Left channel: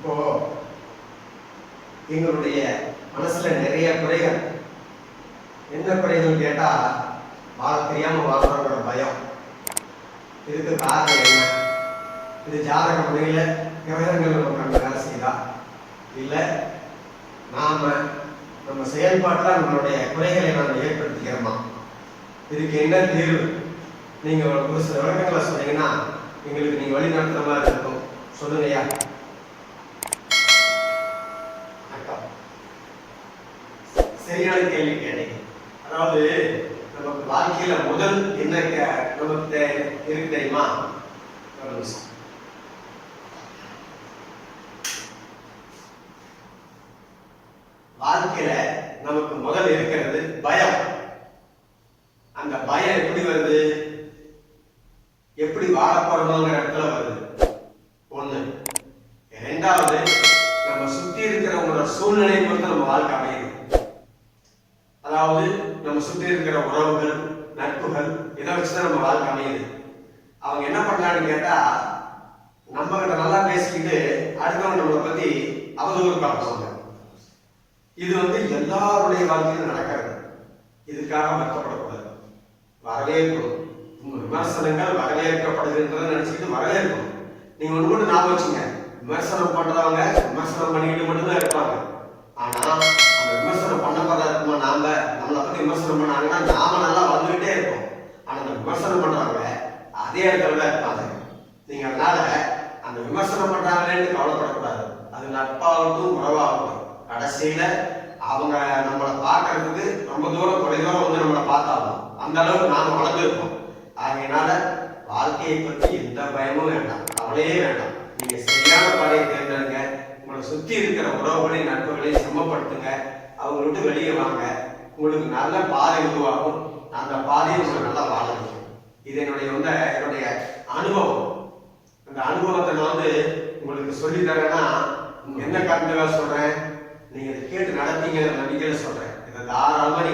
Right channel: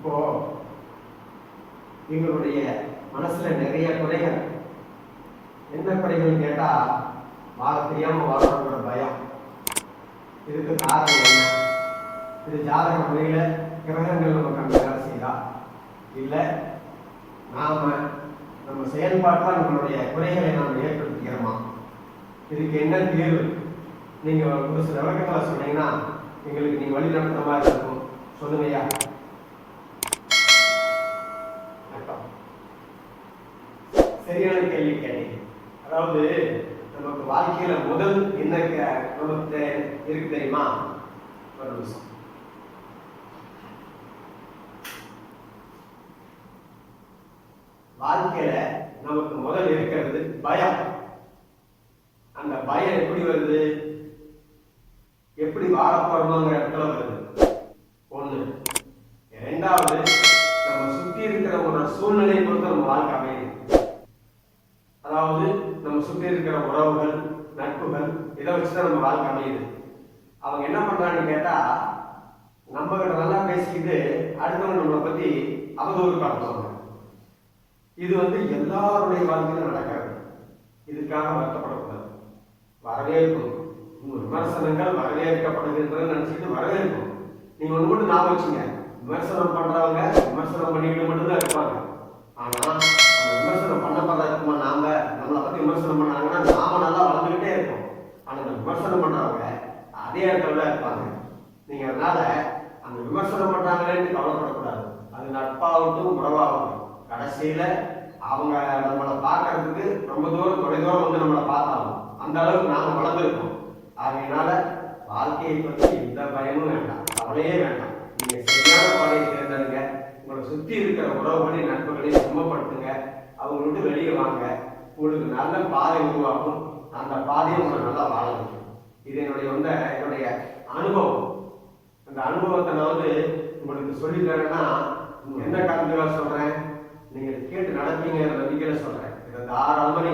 இப்போ எங்களுடைய மனசுல நிறைய குறைகள். என்ன குறைகள் கேட்டா, வாழ தெரியாம வாழ்றோங்கிற பயம். இதுக்கு காரணம் என்ன? இது ஜாதக முறையில கிரகங்கள் நம்ம கண்டு வேலை செய்தா, இல்ல நாம நம்ம செயல்பாட்டில் நம்மளுடைய குறைகளை நாம் ஏற்படுத்திக்கிறோமா? இதுக்கு என்ன தீர்வு? நீங்க ஒரு சில விளக்கங்களை சொன்னீங்கன்னா எங்களுக்கு நீங்க வழி நடத்துற மாதிரி இருக்கும். சொல்லுங்கய்யா. சரியான கேள்வி கேட்டீங்க. அதாவது நமக்கு வாழ்க்கையில முதல் என்ன நமக்கு இருக்கு தெரியுமா? ஒரு நிமிஷம். வாழ்க்கையில நமக்கு முதல் இருக்கிறது பயம். அந்த பயம் எப்படி வருது? எப்படி வாழ போறோங்கிற இடத்துல வருது. ஒண்ணு. இரண்டாவது, நம்ம சுத்தி இருக்கிறவங்களோட சூழ்நிலை பொறுத்து நம்ம வாழ்க்கை அமையுது. அதாவது நம்ம சுற்றி இருக்கிற உறவுகள், நட்புகள், இதை வச்சுதான் நம்ம வாழ்க்கை அமையுது. அவங்க என்ன பண்றான்னு கேட்டா, நம்ம கிட்ட நல்லா பேசிக்கிட்டு அடுத்தவங்க நம்மளை பத்தி அவதூறு பார்ப்பாங்க. இது எல்லாருடைய வாழ்க்கையிலும் நடக்கிறது. இதுக்காக வருத்தப்படக்கூடாது, வரவேற்கணும். உங்க விமர்சனங்கள் வரவேற்கப்படுகின்றதுன்னு நினைச்சுக்கிட்டு வரவேற்கணும். நீங்க ஒண்ணு மட்டும் ஞாபகம் வச்சுங்க, விமர்சனம் பண்றவங்க விமர்சனம் பண்ணிக்கிட்டு மட்டும்தான் இருப்பாங்க. ஆனா அந்த விமர்சனம் பண்ணப்படுற இருக்குமா, நாம நம்மளை பத்தி விமர்சனம் பண்ணாங்கன்னா நாம நல்லா வளர்ந்துகிட்டே இருப்போம். ஆனா அந்த விமர்சனம் பண்றவங்க அதே இடத்துல தான் இருப்பாங்க. நீங்க அதனால அந்த விமர்சனம் பண்றாங்களேன்னு கவலைப்படக்கூடாது. அது நட்பாகட்டும் உறவாகட்டும், கடைசியில அவங்க நம்மளை பார்க்கறதுக்கு ரொம்ப தூரம் தொலைதூரம் நம்மளை பார்த்தாலும் அந்த அளவுக்கு நாம வளர்ந்துருப்போம். ஆகையினால வாழ்க்கையை பற்றி எந்த பயமும் வேண்டாம், கவலையே வேண்டாம். நீங்க சரியான பாதையை தேர்ந்தெடுங்க. உங்களை சுத்தி இருக்கிற உறவுகளையும் நட்புகளையும் சமப்படுத்துங்க. அவங்க விட்டு வெளியே வாங்க. உங்களுக்கு நல்ல பாதை உருவாகும். அந்த பாதையை உங்களுக்கு நல்லா வாழ வைக்கும். இது என்னுடைய அனுபவம். அந்த அனுபவத்தை நான் உங்களுக்கு சொல்லி தரேன்னா என்ன காரணத்துக்காக சொல்றேன், நீங்க இதை கேட்டு நடத்தீங்க நம்பிக்கையில சொல்றேன். இதை தாராளமா நீ